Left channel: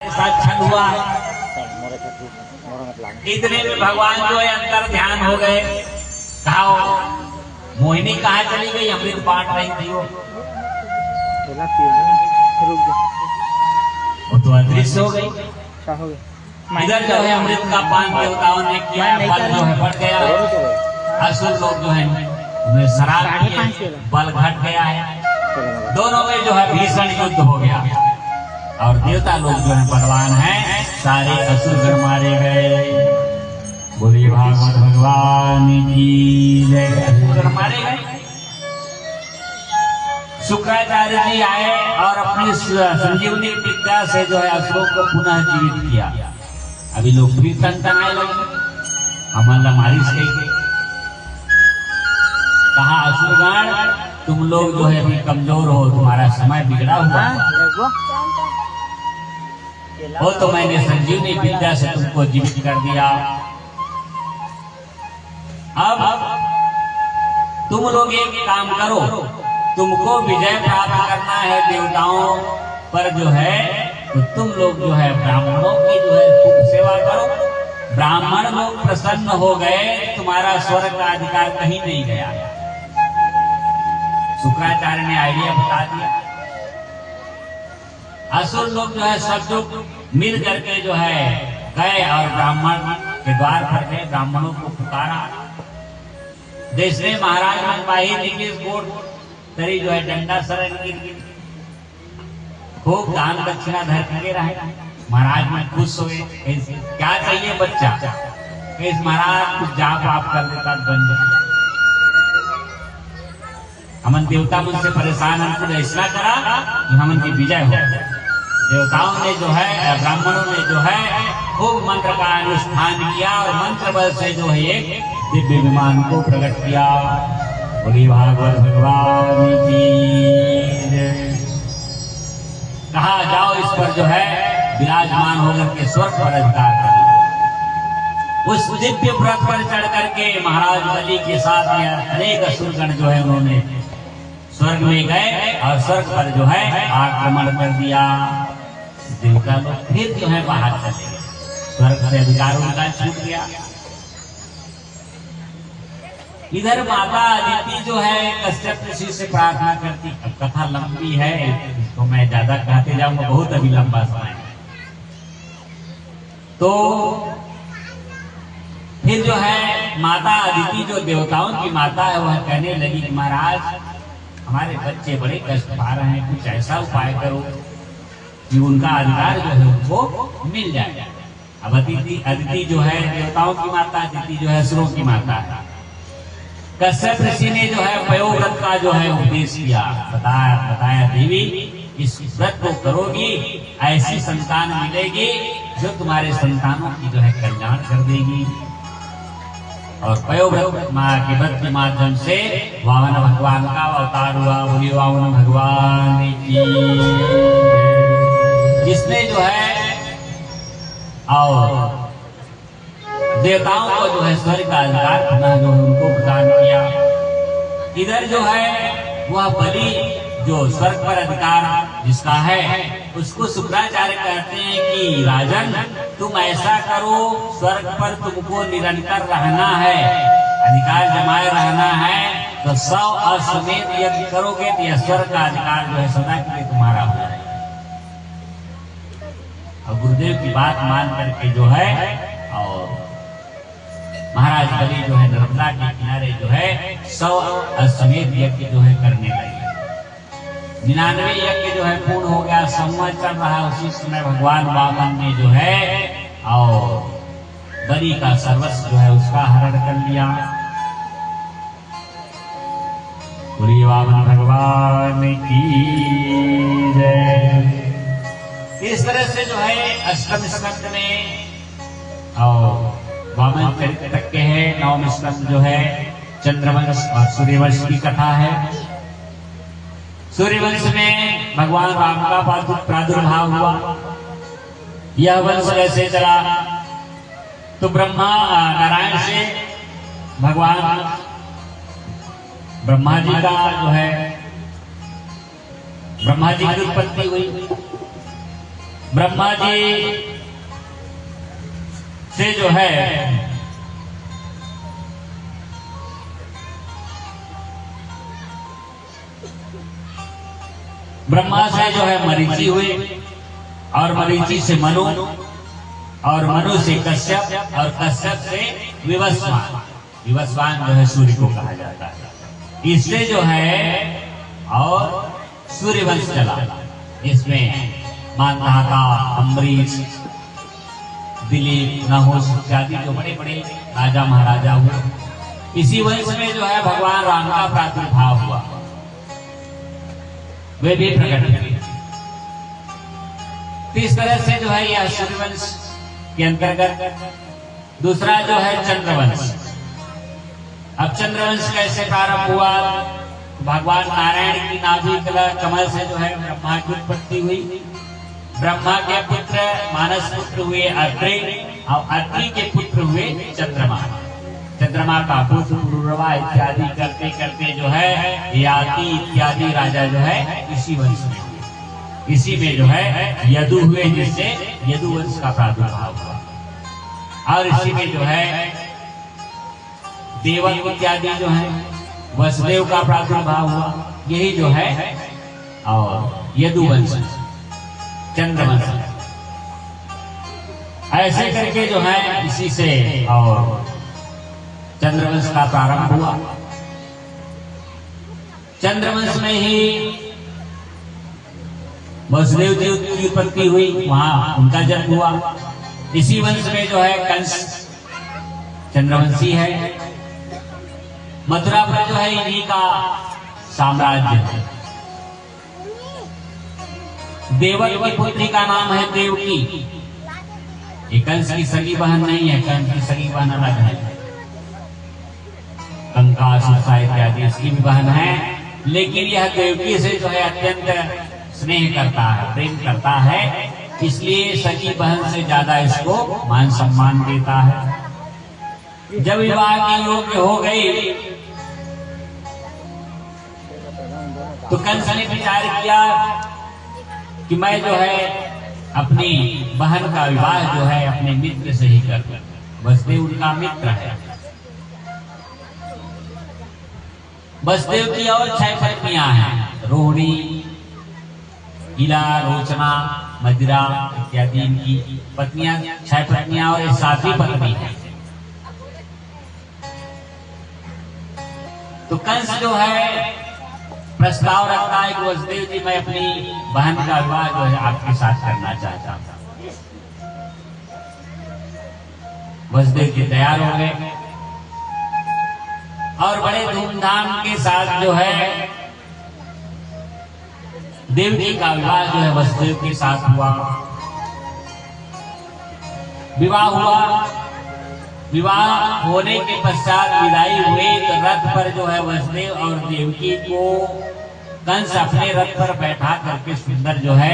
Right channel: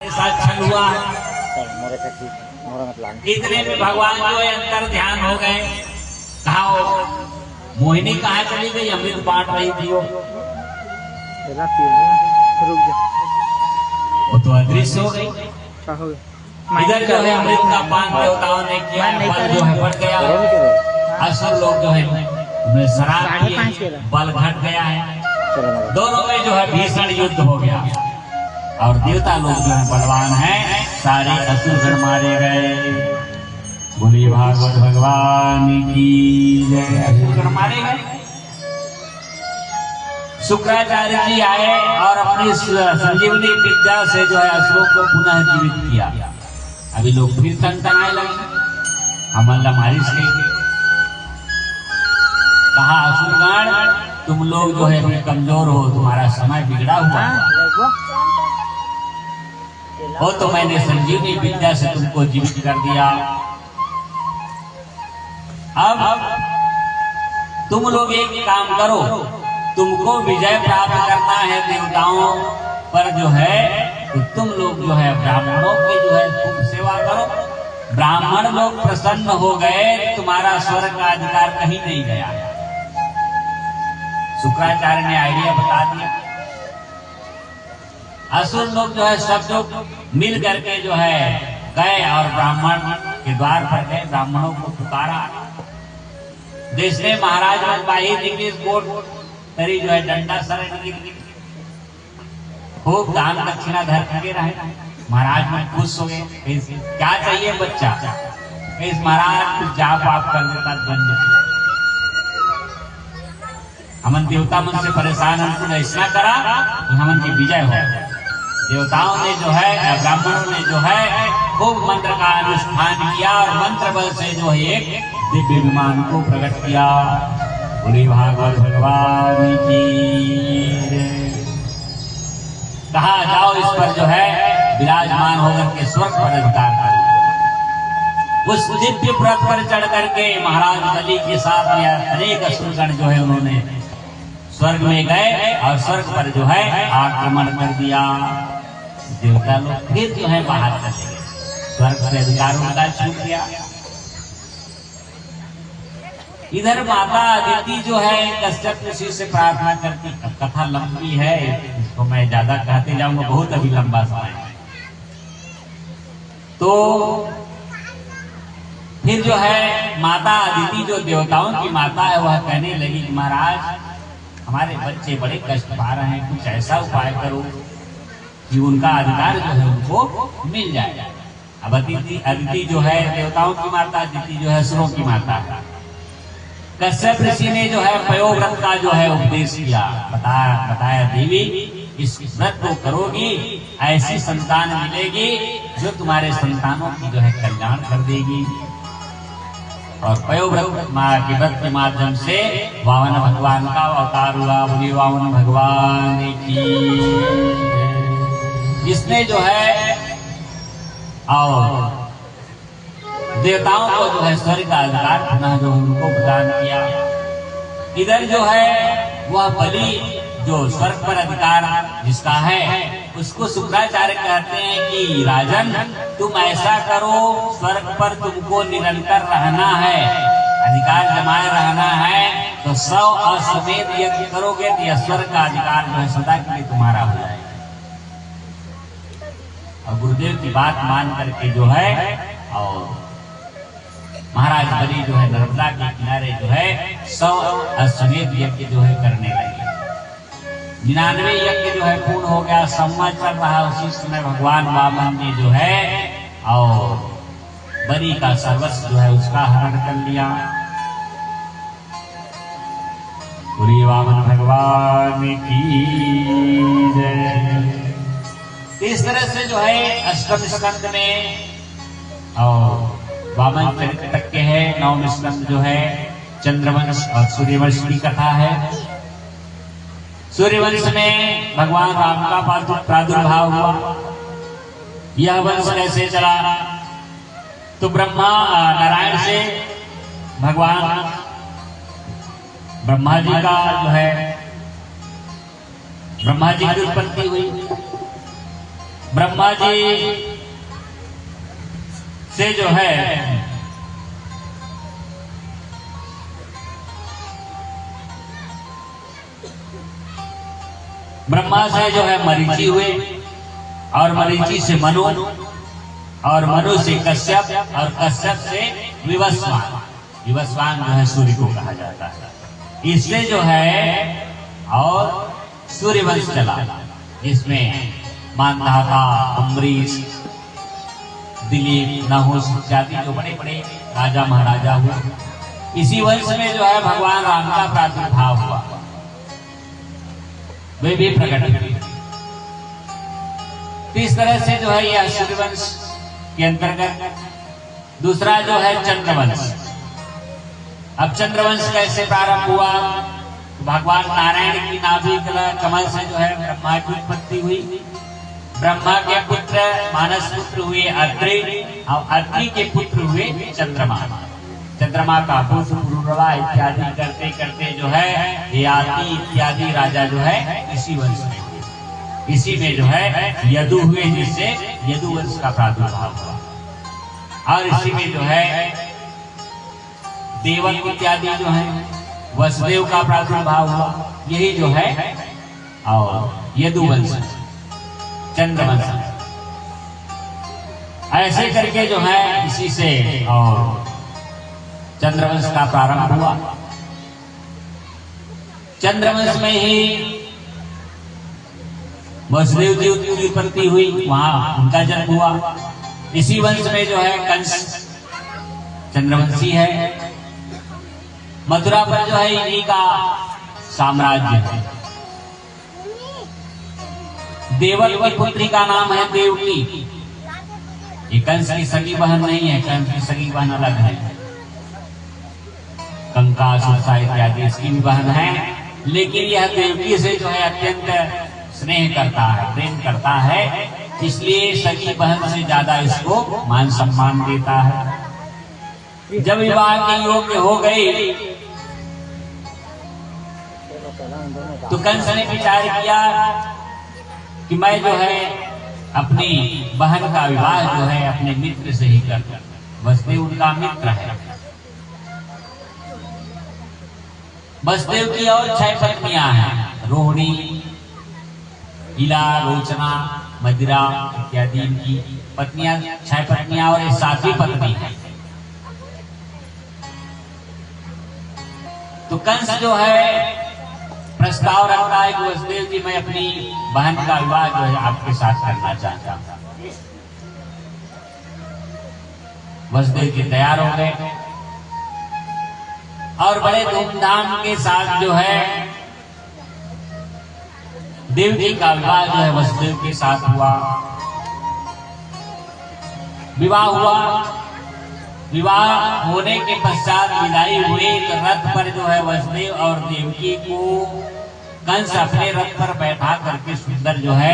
साथ छल हुआ। इतने में भगवान जो है अंतर ध्यान हो गए। कहा मोहिनी कहाँ चली गई, अमृत बांट रही थी वो। रुक जा, वो तो अदृश्य हो गई। क्या हो गया? इधर जो है अमृत का पान देवताओं ने किया, बल जो है बढ़ गया। असुर लोग जो है उन्हें शराब किए, बल घट गया है। दोनों में जो है भीषण युद्ध हो गया और देवता लोग जो है बलवान हैं, सारे असुर मारे गए। बोलिए भागवत भगवान की जय। असुर मारे गए। शुक्राचार्य जी आए और अपनी संजीवनी विद्या से जो है असुरों को पुनः जीवित किया। अभी लोग फिर तनतनाए लगे। हमारा मारिश कहा असुरगण तुम लोग जो है अभी कमजोर हो, तुम्हारा समय बिगड़ा हुआ। वो तो मैंने संजीवनी विद्या से तुमको जीवित कर दिया। अब तुम लोग एक काम करो, तुमको विजय प्राप्त करना है देवताओं पर जो है, तो तुम लोग जो है ब्राह्मणों की जो है खूब सेवा करो। ब्राह्मण लोग प्रसन्न हो गए, तुम्हारा स्वर्ग का अधिकार कहीं नहीं गया। शुक्राचार्य ने आइडिया बता दिया। असुर लोग जो है सब लोग मिल करके जो है गए और ब्राह्मण के द्वार पर गए, ब्राह्मणों को पुकारा। देश में महाराज बाही कोट तरी जो है डंडा सर खूब दान दक्षिणा धर के रहे। महाराज में खुश हो गए। क्या चाहिए बच्चा? इस महाराज कुछ जाप आप कर देता बन जाए। हमन देवता मुझसे परेशान ऐसा करा कि हमन की विजय हो। देवताओं ने जो है, ब्राह्मणों ने जो है खूब मंत्र का अनुष्ठान किया और मंत्र बल से जो है एक दिव्य विमान को प्रकट किया। बोली भागवत भगवान की। कहा जाओ इस पर जो है विराजमान होकर के स्वर्ग पर अधिकार कर। उस दिव्य व्रत पर चढ़ करके महाराज बलि के साथ में अनेक असुरगण जो है उन्होंने स्वर्ग में गए और स्वर्ग पर जो है आक्रमण कर दिया। देवता लोग फिर जो है बाहर चले गए, स्वर्ग से अधिकार उनका छूट गया। इधर माता अदिति जो है कश्यप ऋषि से प्रार्थना करती। अब कथा लंबी है, इसको मैं ज्यादा कहते जाऊंगा, बहुत अभी लंबा समय है। तो फिर जो है माता अदिति जो देवताओं की माता है वह कहने लगी कि महाराज हमारे बच्चे बड़े कष्ट पा रहे हैं, कुछ ऐसा उपाय करो कि उनका अधिकार जो है उनको मिल जाए। अब अदिति जो है देवताओं की माता, अदिति जो है असुरों की माता है। कश्यप ऋषि ने जो है पयोव्रत का जो है उपदेश किया, बताया देवी इस व्रत को करोगी ऐसी संतान मिलेगी जो तुम्हारे संतानों की जो है कल्याण कर देगी। और पयोव्रत के व्रत के माध्यम से वामन भगवान का अवतार हुआ। बोली वामन भगवान की। इसने जो है और देवताओं को जो है स्वर्ग का अधिकार पुनः जो उनको प्रदान किया। इधर जो है वह बलि जो स्वर्ग पर अधिकार जिसका है उसको शुक्राचार्य कहते हैं कि राजन तुम ऐसा करो, स्वर्ग पर तुमको निरंतर रहना है, अधिकार जमाए रहना है, तो 100 अश्वमेध यज्ञ करोगे तो यह स्वर्ग का अधिकार जो है सदा के लिए तुम्हारा हो जाएगा। और गुरुदेव की बात मान करके जो है और महाराज बलि जो है नर्मदा के किनारे जो है 100 अश्वमेध यज्ञ जो है करने लगे। 99 यज्ञ जो है पूर्ण हो गया, संवत चल रहा। उसी समय भगवान वामन ने जो है और बलि का सर्वस्व जो है उसका हरण कर लिया। बोलिए वामन भगवान की जय। इस तरह से जो है अष्टम स्कंद में और वामन चरित्र तक के है। 9वें स्कंद जो है चंद्रवंश और सूर्यवंश की कथा है। सूर्यवंश में भगवान राम का प्रादुर्भाव हुआ। यह वंश कैसे चला? तो ब्रह्मा नारायण से भगवान ब्रह्मा जी का जो है ब्रह्मा जी की उत्पत्ति हुई। ब्रह्मा जी से जो है ब्रह्मा से जो है मरीचि हुए, और मरीचि से मनु, और मनु से कश्यप, और कश्यप से विवस्वान। विवस्वान जो है सूर्य को कहा जाता है। इससे जो है और सूर्यवंश चला, जिसमें मानधाता, अम्बरीश, दिलीप, नहुष इत्यादि जो बड़े बड़े राजा महाराजा हुए। इसी वंश में जो है भगवान राम का प्रादुर्भाव हुआ, वे भी प्रकट हुए। इस तरह से जो है यह सूर्यवंश के अंतर्गत दूसरा जो है चंद्रवंश। अब चंद्रवंश कैसे प्रारंभ हुआ? भगवान नारायण की नाभि कमल से जो है ब्रह्मा की उत्पत्ति हुई। ब्रह्मा के पुत्र मानस पुत्र हुए अत्रि, और अत्रि के पुत्र हुए चंद्रमा। चंद्रमा का पुरुरवा इत्यादि करते करते जो है याति इत्यादि राजा जो है इसी वंश में हुए। इसी में जो है यदु हुए, जिससे यदु वंश का प्रादुर्भाव हुआ। और इसी में जो है देवक इत्यादि जो है वसुदेव का प्रादुर्भाव हुआ। यही जो है और यदुवंश, चंद्रवंश, ऐसे करके जो है इसी से और चंद्रवंश का प्रारंभ हुआ। चंद्रवंश में ही वसुदेव जी की उत्पत्ति हुई, वहां उनका जन्म हुआ। इसी वंश में जो है कंस चंद्रवंशी है। मथुरा पर जो है इन्हीं का साम्राज्य है। देवक की पुत्री का नाम है देवकी। ये कंस की सगी बहन नहीं है, कंस की सगी बहन अलग है। कंकासुर इत्यादि इसकी भी बहन है, लेकिन यह देवकी से जो है अत्यंत स्नेह करता है, प्रेम करता है, इसलिए सगी बहन से ज्यादा इसको मान सम्मान देता है। जब विवाह के योग्य हो गई तो कंस ने विचार किया कि मैं जो है अपनी बहन का विवाह जो है अपने मित्र से ही कर। वसुदेव उनका मित्र है। वसुदेव की और 6 पत्नियां हैं, रोहिणी, इला, रोचना, मदिरा इत्यादि इनकी पत्नियां, 6 पत्नियां और 7वीं पत्नी है। तो कंस जो है प्रस्ताव रखता है कि वसुदेव जी मैं अपनी बहन का विवाह जो है आपके साथ करना चाहता हूं। वसुदेव जी तैयार हो गए और बड़े धूमधाम के साथ जो है देवकी का विवाह जो है वसुदेव के साथ हुआ। विवाह हुआ। विवाह होने के पश्चात विदाई हुई तो रथ पर जो है वसुदेव और देवकी को कंस अपने रथ पर बैठा करके सुंदर जो है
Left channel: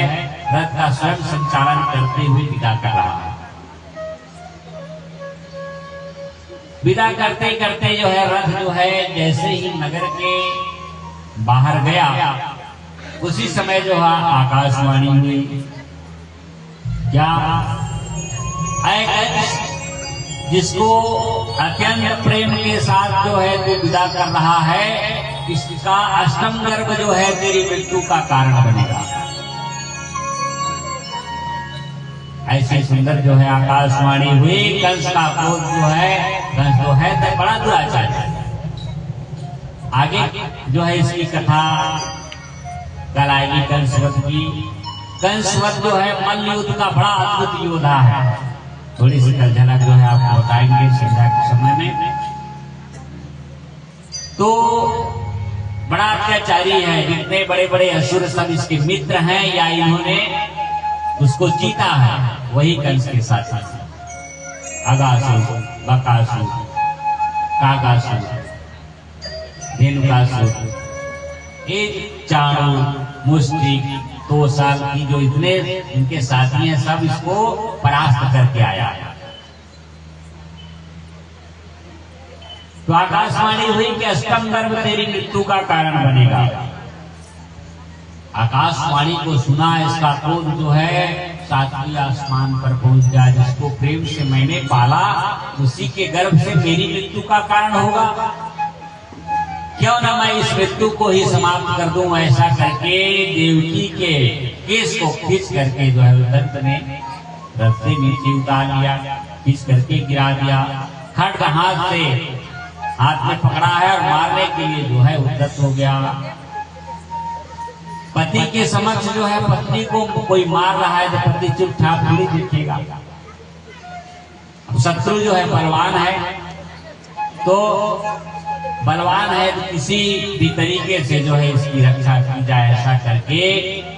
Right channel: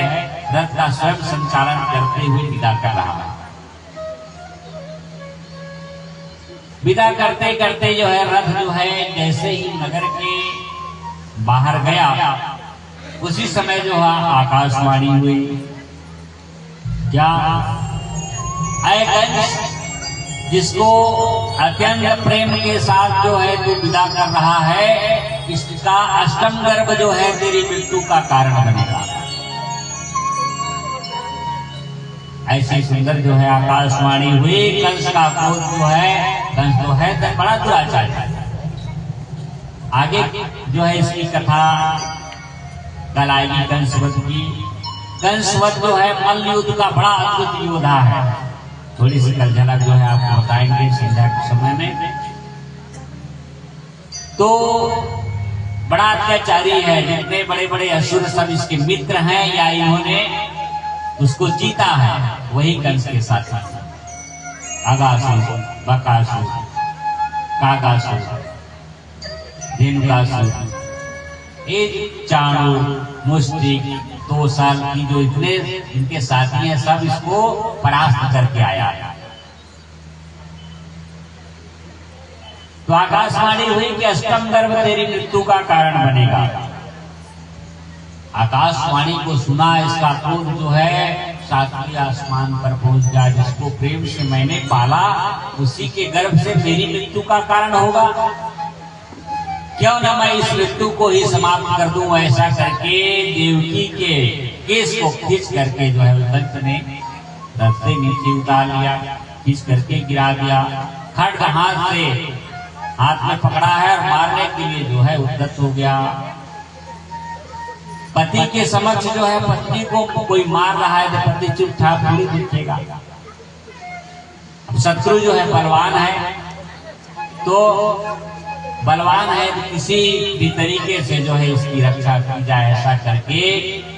रथ का स्वयं संचालन करते हुए विदा कर रहा है। विदा करते करते जो है रथ जो है जैसे ही नगर के बाहर गया उसी समय जो है आकाशवाणी हुई, क्या ऐ कंस जिसको अत्यंत प्रेम के साथ जो है तू विदा कर रहा है, इसका अष्टम गर्भ जो है तेरी मृत्यु का कारण बनेगा। ऐसी सुंदर जो है आकाशवाणी हुई। कंस का क्रोध जो है, कंस जो है तो बड़ा दुराचारी है। आगे जो है इसकी कथा कल आएगी कंसवध की। कंसवध जो है मल्ल युद्ध का बड़ा अद्भुत योद्धा है। थोड़ी सी कल झलक जो है आपको बताएंगे संध्या के समय में। तो बड़ा अत्याचारी है। जितने बड़े बड़े असुर सब इसके मित्र हैं या इन्होंने उसको जीता है, वही कंस के साथ अगासुर, बकासुर, कागासुर, धेनुकासुर, ये चाणू, मुष्टिक, तोसल की जो इतने इनके साथी हैं सब इसको परास्त करके आया। तो आकाशवाणी हुई कि अष्टम गर्भ तेरी मृत्यु का कारण बनेगा। आकाशवाणी को सुना, इसका क्रोध जो है सातवें आसमान पर पहुंच गया, जिसको प्रेम से मैंने पाला, उसी के गर्भ से मेरी मृत्यु का कारण होगा। क्यों ना मैं इस मृत्यु को ही समाप्त कर दूं। ऐसा करके देवकी के केस को खींच करके जो है दत्त ने रथ से नीचे उतार लिया, खींच करके गिरा दिया। खड्ग हाथ में पकड़ा है और मारने के लिए जो है उद्यत हो गया। पति के समक्ष जो है पत्नी को कोई मार रहा है तो पति चुपचाप थोड़ी दिखेगा। शत्रु जो है बलवान है, तो बलवान है तो किसी भी तरीके से जो है इसकी रक्षा की जाए। ऐसा करके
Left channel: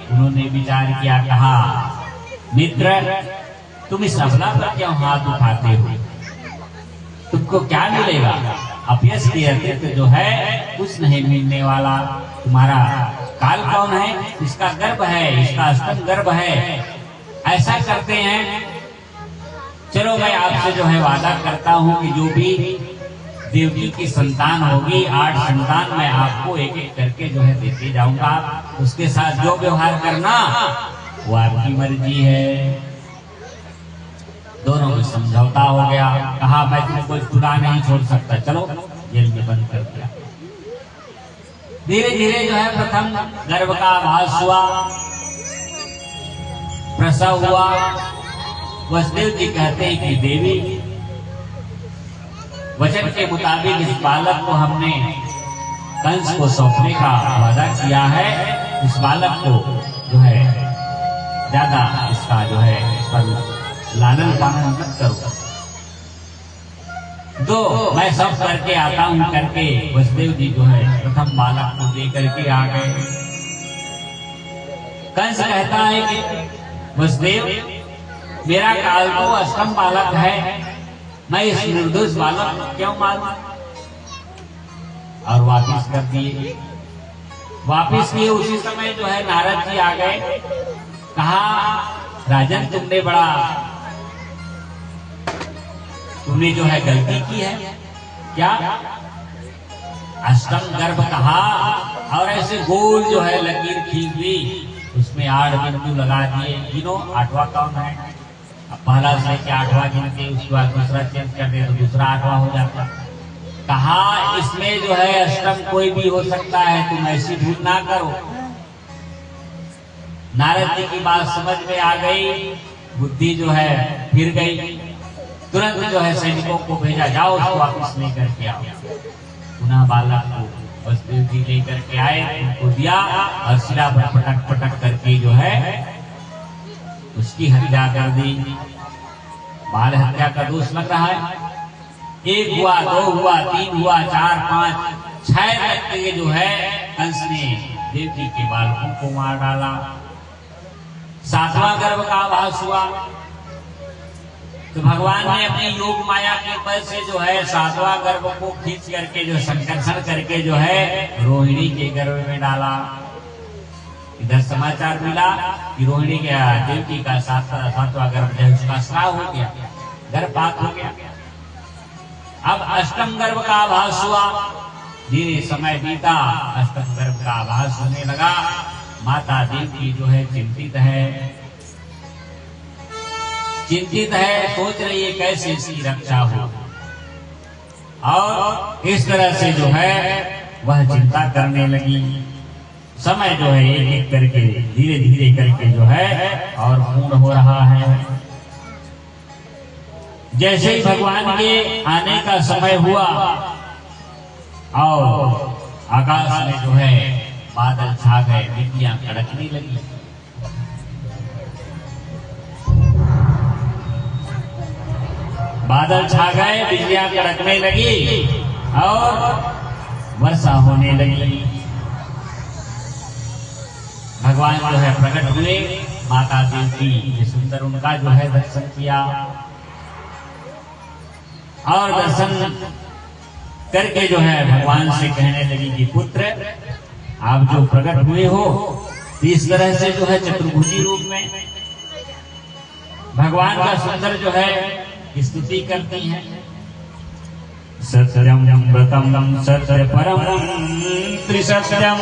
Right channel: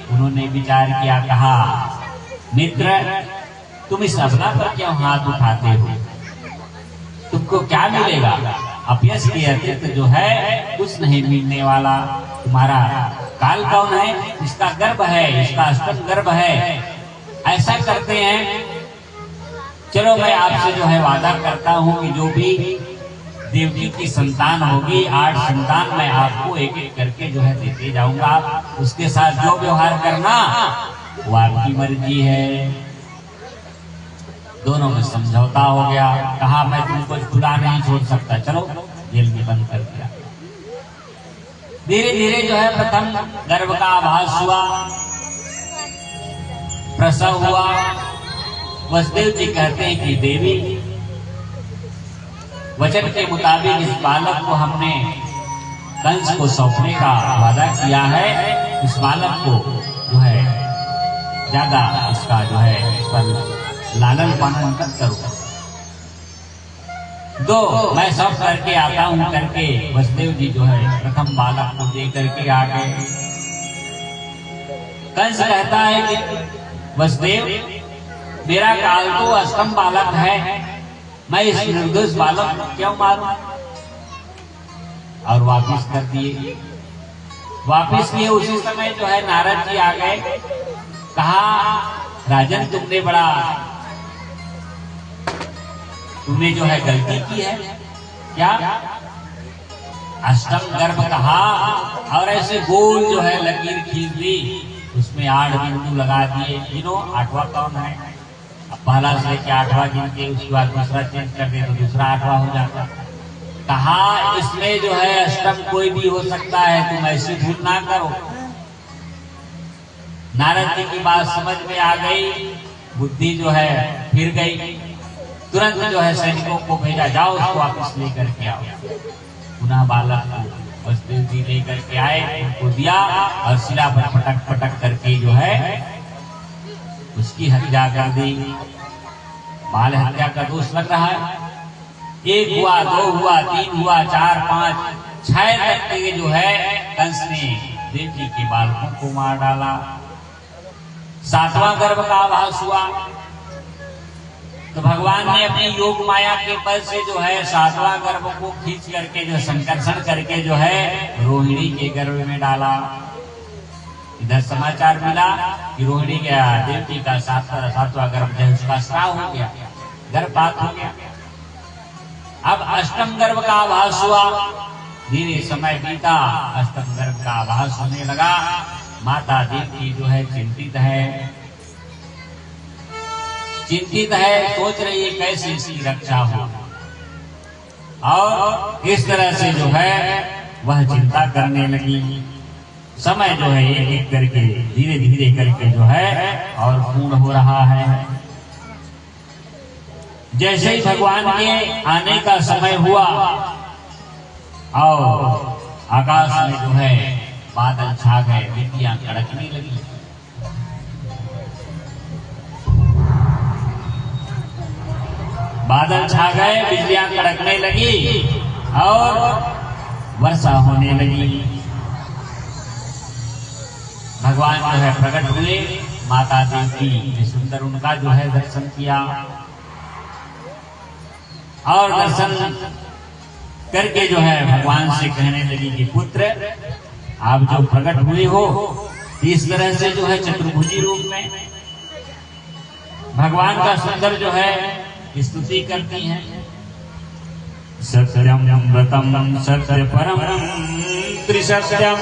उन्होंने विचार किया, कहा मित्र तुम इस अबला पर क्यों हाथ उठाते हो, तुमको क्या मिलेगा। अपयश के अतिरिक्त जो है कुछ नहीं मिलने वाला। तुम्हारा काल कौन है, इसका गर्भ है, इसका अष्टम गर्भ है। ऐसा करते हैं, चलो मैं आपसे जो है वादा करता हूं कि जो भी देवकी की संतान होगी, 8 संतान मैं आपको एक एक करके जो है देते जाऊंगा। उसके साथ जो व्यवहार करना वो आपकी मर्जी है। दोनों में समझौता हो गया। कहा मैं तुमको खुदा नहीं छोड़ सकता, चलो जेल में बंद कर दिया। धीरे धीरे जो है प्रथम गर्भ का आभास हुआ, प्रसव हुआ। वसुदेव जी कहते हैं कि देवी वचन के मुताबिक इस बालक को हमने कंस को सौंपने का वादा किया है। इस बालक को जो है ज्यादा इसका जो है इस पर लालन पालन मत करो। दो मैं सब करके आता हूं करके वसुदेव जी जो है प्रथम बालक को दे करके आ गए। कंस कहता है कि वसुदेव मेरा काल तो अष्टम बालक है, मैं इस निर्दोष बालक को क्यों मारूं। और वापिस कर दिए। वापिस लिए उसी समय जो है नारद जी आ गए। कहा राजन तुमने जो है गलती की है। क्या अष्टम गर्भ कहा और ऐसे गोल जो है लकीर खींच ली, उसमें 8 बिंदु लगा दिए। गिनो 8वां कौन है। अब पहला से क्या 8वां गिन के उसके बाद दूसरा चेंज कर दे तो दूसरा 8वां हो जाता। कहा इसमें जो है अष्टम कोई भी हो सकता है, तुम ऐसी भूल ना करो। नारद जी की बात समझ में आ गई, बुद्धि जो है फिर गई। तुरंत जो है सैनिकों को भेजा, जाओ उसको वापस लेकर के आओ। पुनः बालक को वसुदेव जी लेकर के आए, उनको दिया और सिरा पर पटक पटक करके जो है उसकी हत्या कर दी। बाल हत्या का दोष लग रहा है। 1 हुआ, 2 हुआ, 3 हुआ, 4, 5, 6 तक के जो है कंस ने देवकी के बालकों को मार डाला। 7वां गर्भ का आभास हुआ तो भगवान ने अपनी योग माया के बल से जो है 7वां गर्भ को खींच करके जो संकर्षण करके जो है रोहिणी के गर्भ में डाला। इधर समाचार मिला कि रोहिणी के देवकी का 7वां गर्भ है, उसका श्राव हो गया, गर्भपात हो गया। अब अष्टम गर्भ का आभास हुआ। धीरे समय बीता, अष्टम गर्भ का आभास होने लगा। माता देवकी जो है चिंतित है, सोच रही है कैसे इसकी रक्षा हो। और इस तरह से जो है वह चिंता करने लगी। समय जो है एक एक करके धीरे धीरे करके जो है और पूर्ण हो रहा है। जैसे ही भगवान के आने का समय हुआ और आकाश में जो है बादल छा गए, बिजलियां कड़कने लगी। बादल छा गए, बिजलियां कड़कने लगी और वर्षा होने लगी। भगवान जो है प्रकट हुए, माता देवकी सुंदर उनका जो है दर्शन किया और दर्शन करके जो है भगवान से कहने लगी कि पुत्र आप जो प्रकट हुए हो इस तरह से जो है चतुर्भुजी रूप में भगवान का सुंदर जो है स्तुति करती हैं। सत्यम व्रतम सत्य परम त्रिसत्यम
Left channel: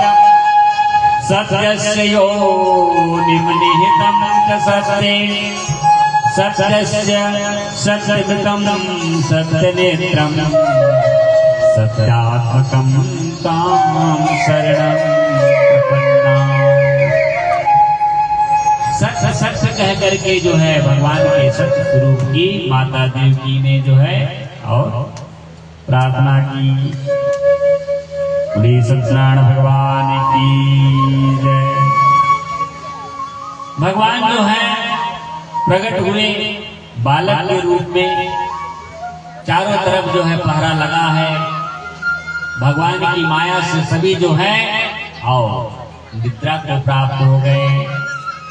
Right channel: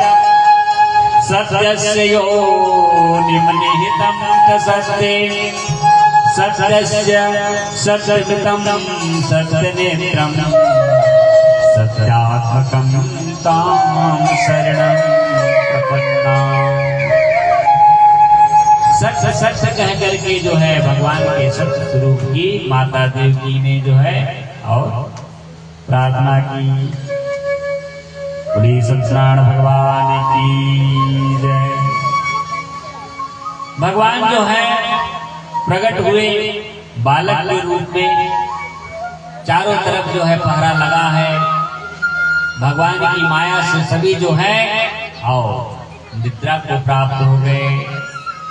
सत्यस्य योनिं निहितं सत्ये सत्यस्य सत्यमितं सत्यनेत्रं सत्यात्मकं तां शरणं प्रपन्ना। सत्य सत्य कह करके जो है भगवान के सत्य स्वरूप की माता देवकी ने जो है और प्रार्थना की। बोलिए सत्यनारायण भगवान की जय। भगवान जो है प्रकट हुए बालक के रूप में, चारों तरफ जो है पहरा लगा है। भगवान की माया से सभी जो है और निद्रा को प्राप्त हो गए,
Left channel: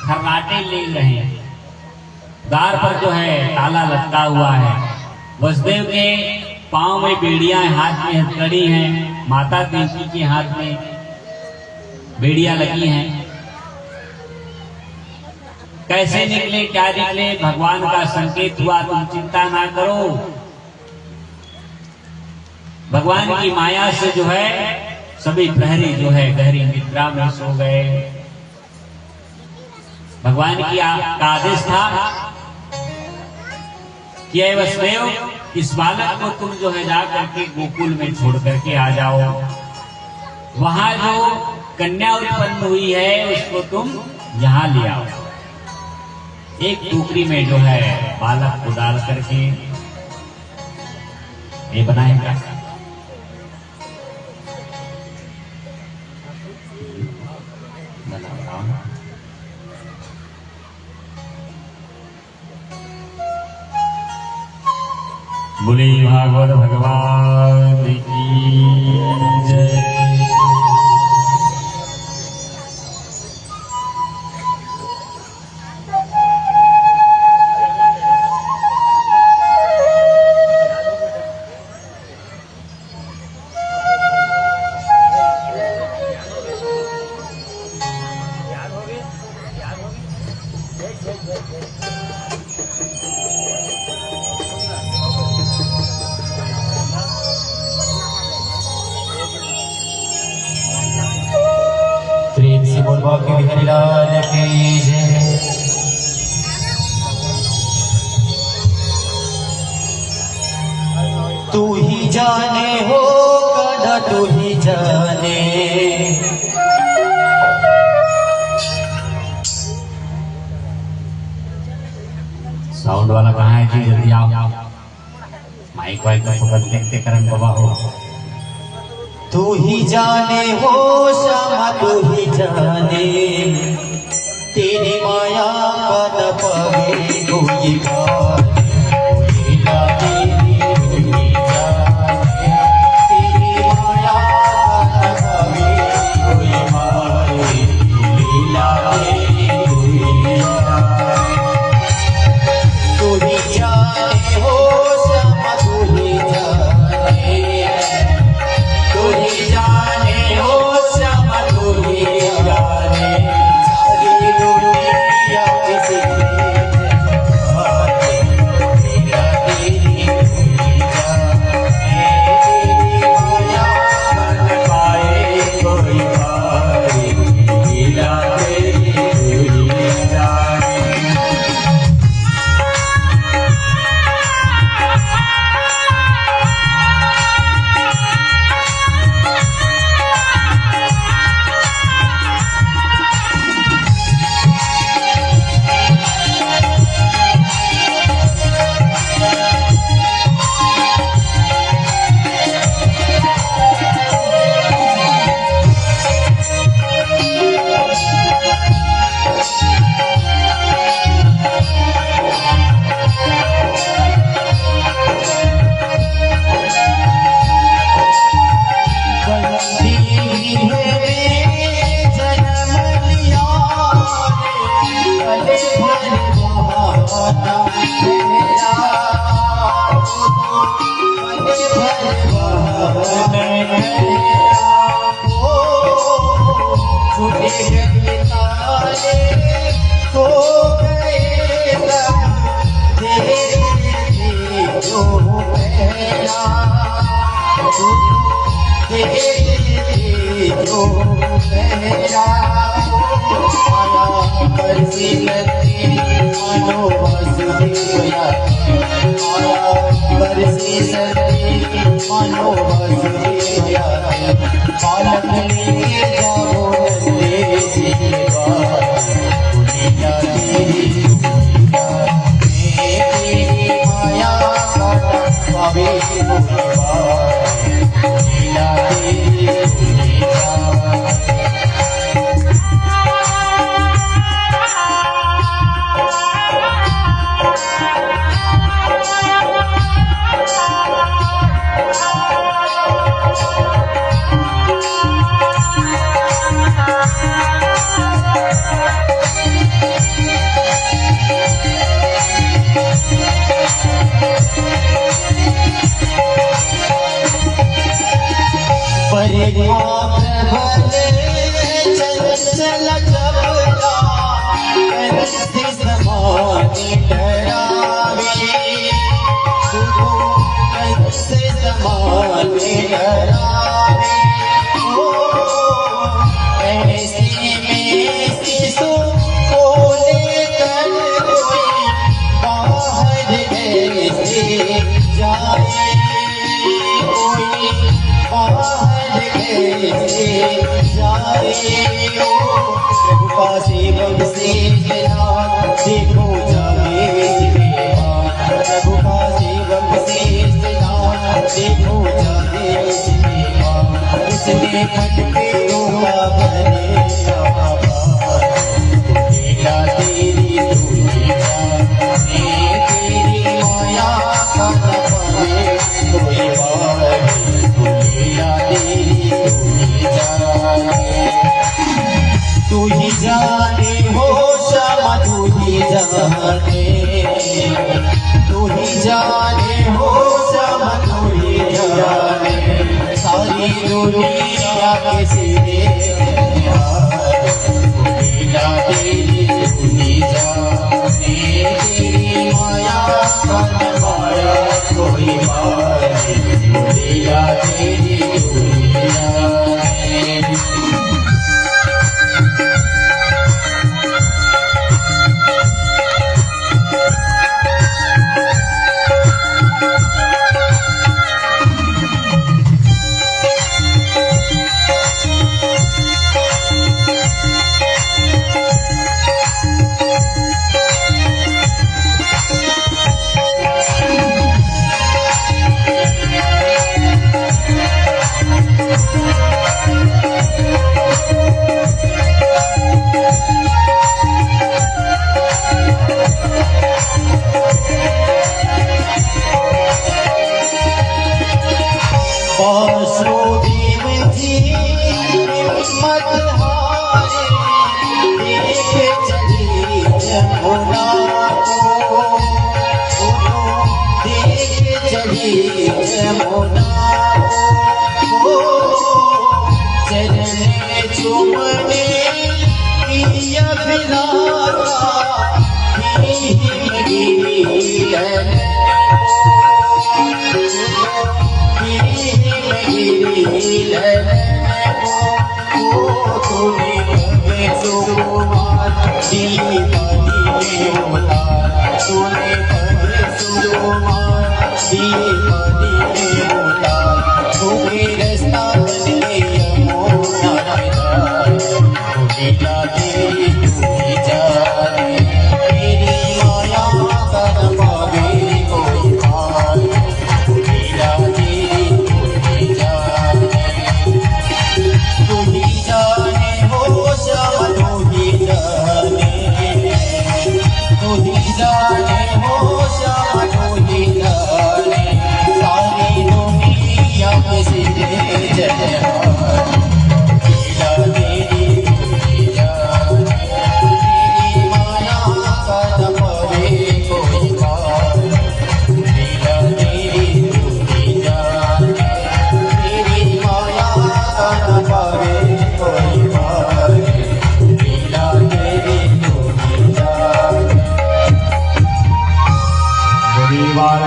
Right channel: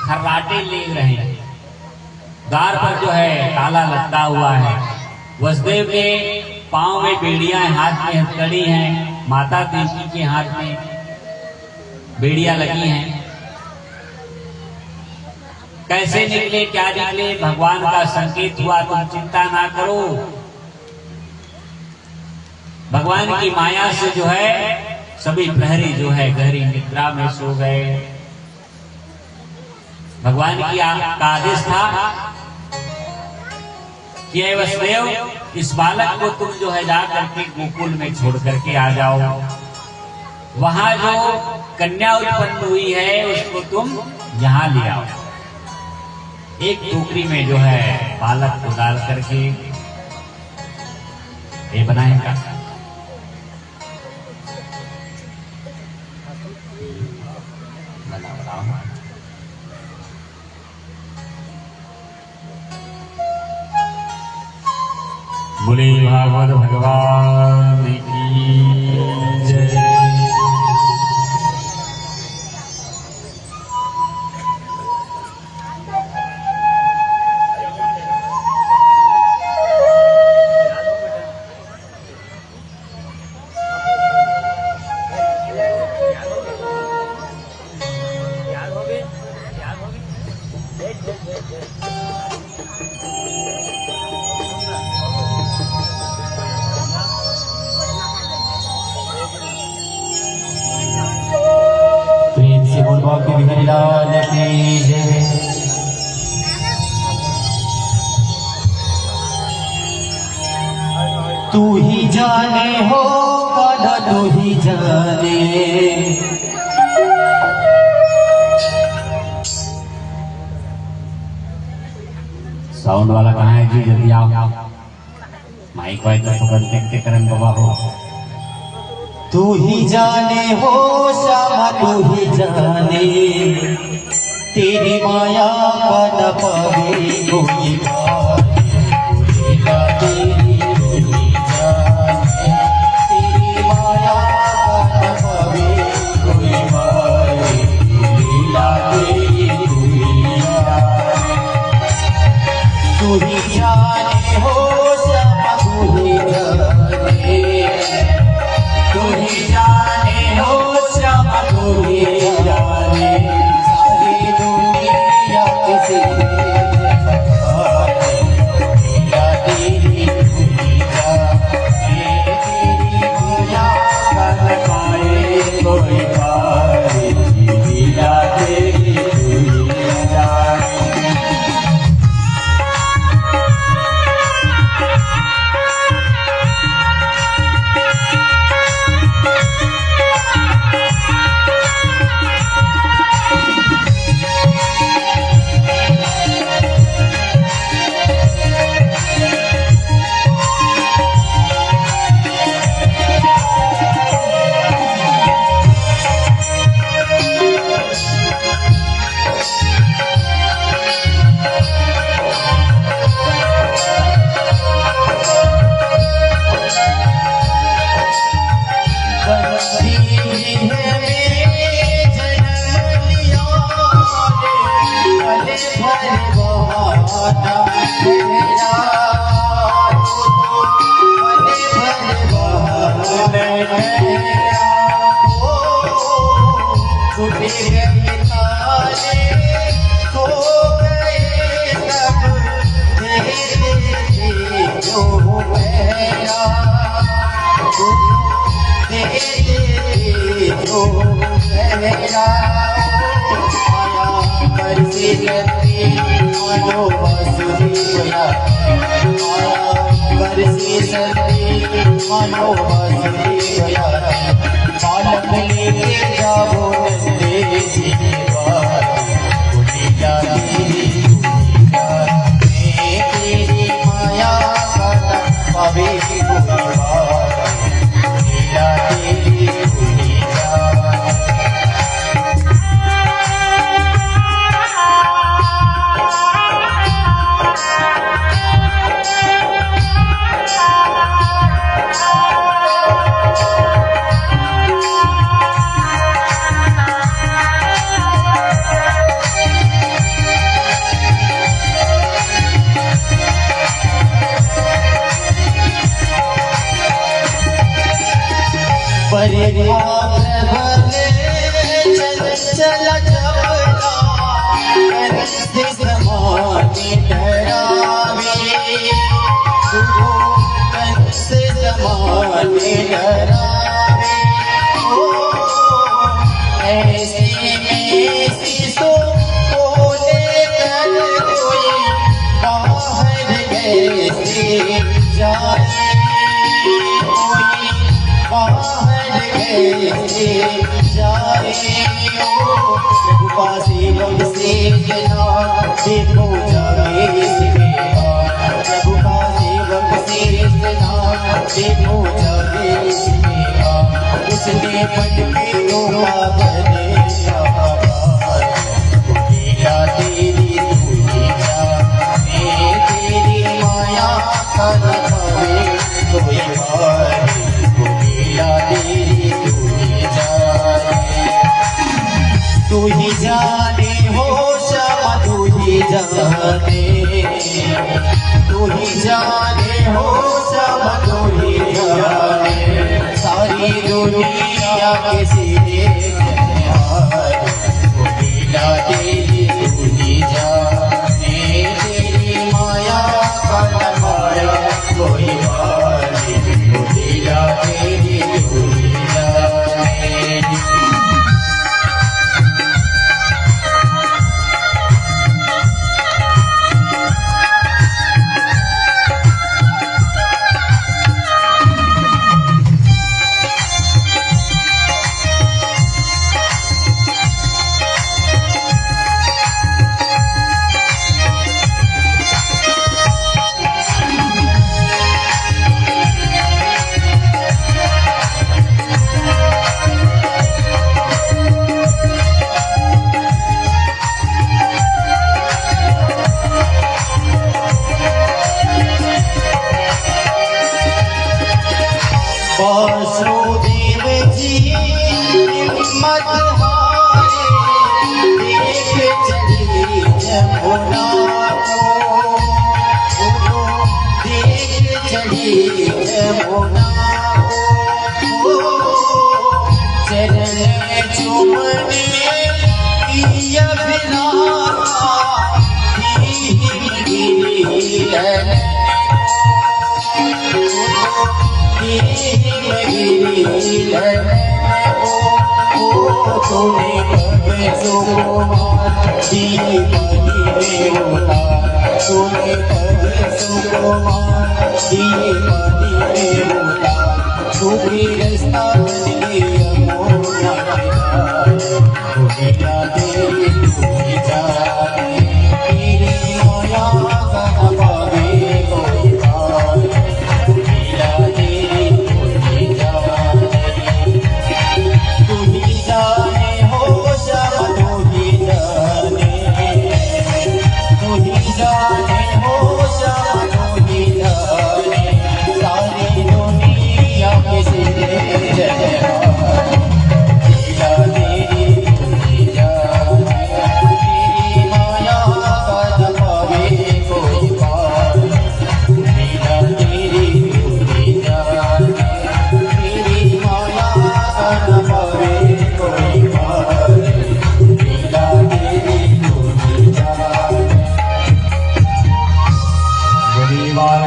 खर्राटे ले रहे, द्वार पर जो है ताला लटका हुआ है। वसुदेव के पांव में बेड़ियां, हाथ में हथकड़ी हैं, माता देवकी के हाथ में बेड़ियां लगी हैं। कैसे निकले, क्या निकले, भगवान का संकेत हुआ, तुम चिंता ना करो। भगवान की माया से जो है सभी प्रहरी जो है गहरी निद्रा में सो गए। भगवान की का आदेश था कि हे वसुदेव, इस बालक को तुम जो है जा करके गोकुल में छोड़ करके आ जाओ। वहां जो कन्या उत्पन्न हुई है उसको तुम यहां ले आओ। एक टोकरी में जो है बालक को डाल करके ये बनाएगा। बोले भागवत भगवान की जय। तू ही जाने हो गाना, तू ही जाने। साउंड वाला कहाँ है जी? जल्दी आओ। माइक वाइक पकड़ देखते करण बाबा हो। तू ही जाने हो श्यामा, तू ही जाने, तेरी माया का न पावे कोई पार। तेरे जो कहना बरसी शक्ति मानो वासुदेव आया बरसी शक्ति मानो वासुदेव आया बालक लेके जाओ नंदे जी के द्वार बुढ़िया तेरी तेरी माया का पावे बुढ़िया तेरी बुढ़िया तू ही जाने हो श्यामा तू ही जाने तू ही जाने हो श्यामा तू ही जाने सारी दुनिया के सिरे लीला तेरी तू ही जाने तेरी माया का माया कोई माने लीला तेरी तू ही जाने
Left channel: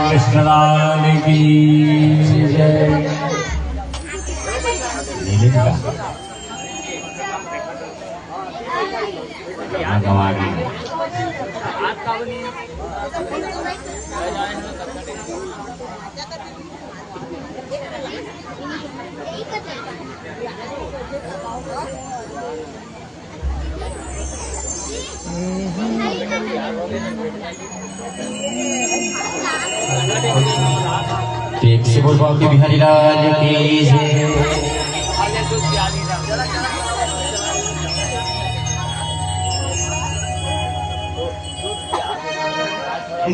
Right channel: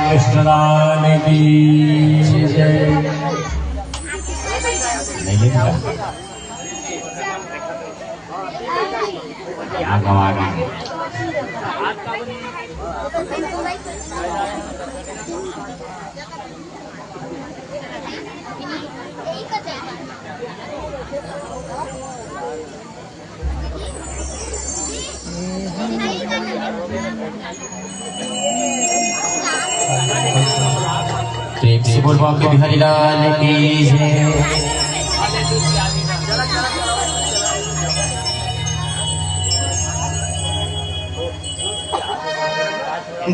कृष्णलाल की जय। नहीं भागमागी प्रेम से बोल बाबा के बिहारी लाल की जय।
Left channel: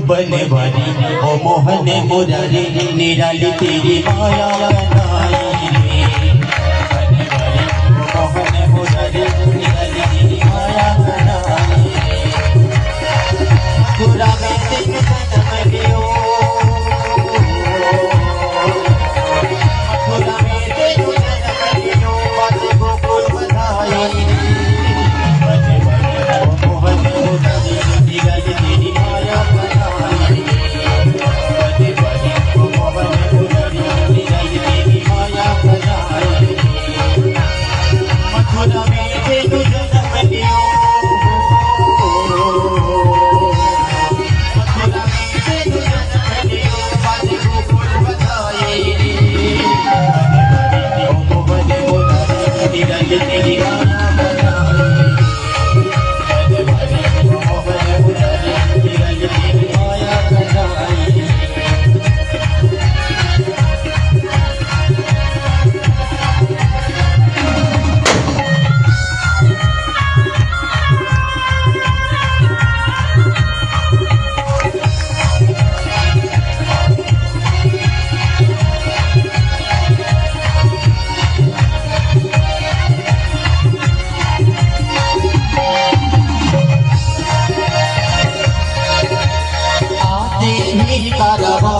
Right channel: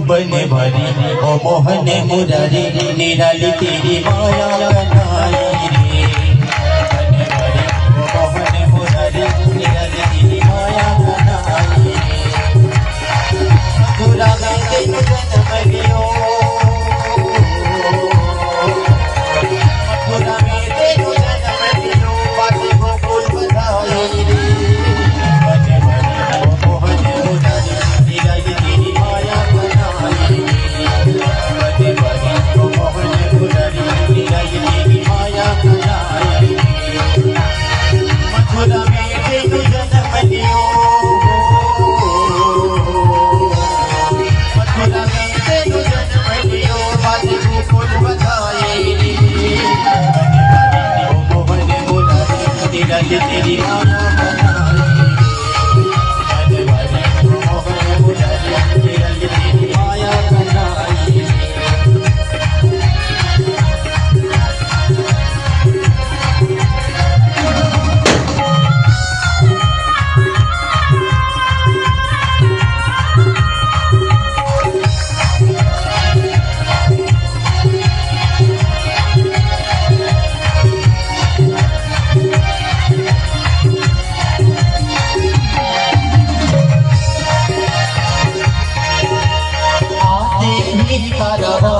बने बरी ओ मोहन मुरारी निराली तेरी माया बनाई रे। बने बरी ओ मोहन मुरारी निराली तेरी माया बनाई रे। मथुरा में तेरे जन्म लियो, मथुरा में तेरे जन्म लियो, बाजू गोकुल बधाई रे। बने बरी ओ मोहन मुरारी निराली तेरी माया बनाई रे। बने बरी ओ मोहन मुरारी निराली तेरी माया बनाई रे। मथुरा में तेरे जन्म लियो, मथुरा में तेरे जन्म लियो, बाजू गोकुल बधाई रे। बने बरी ओ मोहन मुरारी निराली तेरी माया बनाई रे। बने बरी ओ मोहन मुरारी निराली तेरी माया बनाई रे। आते ही कारवा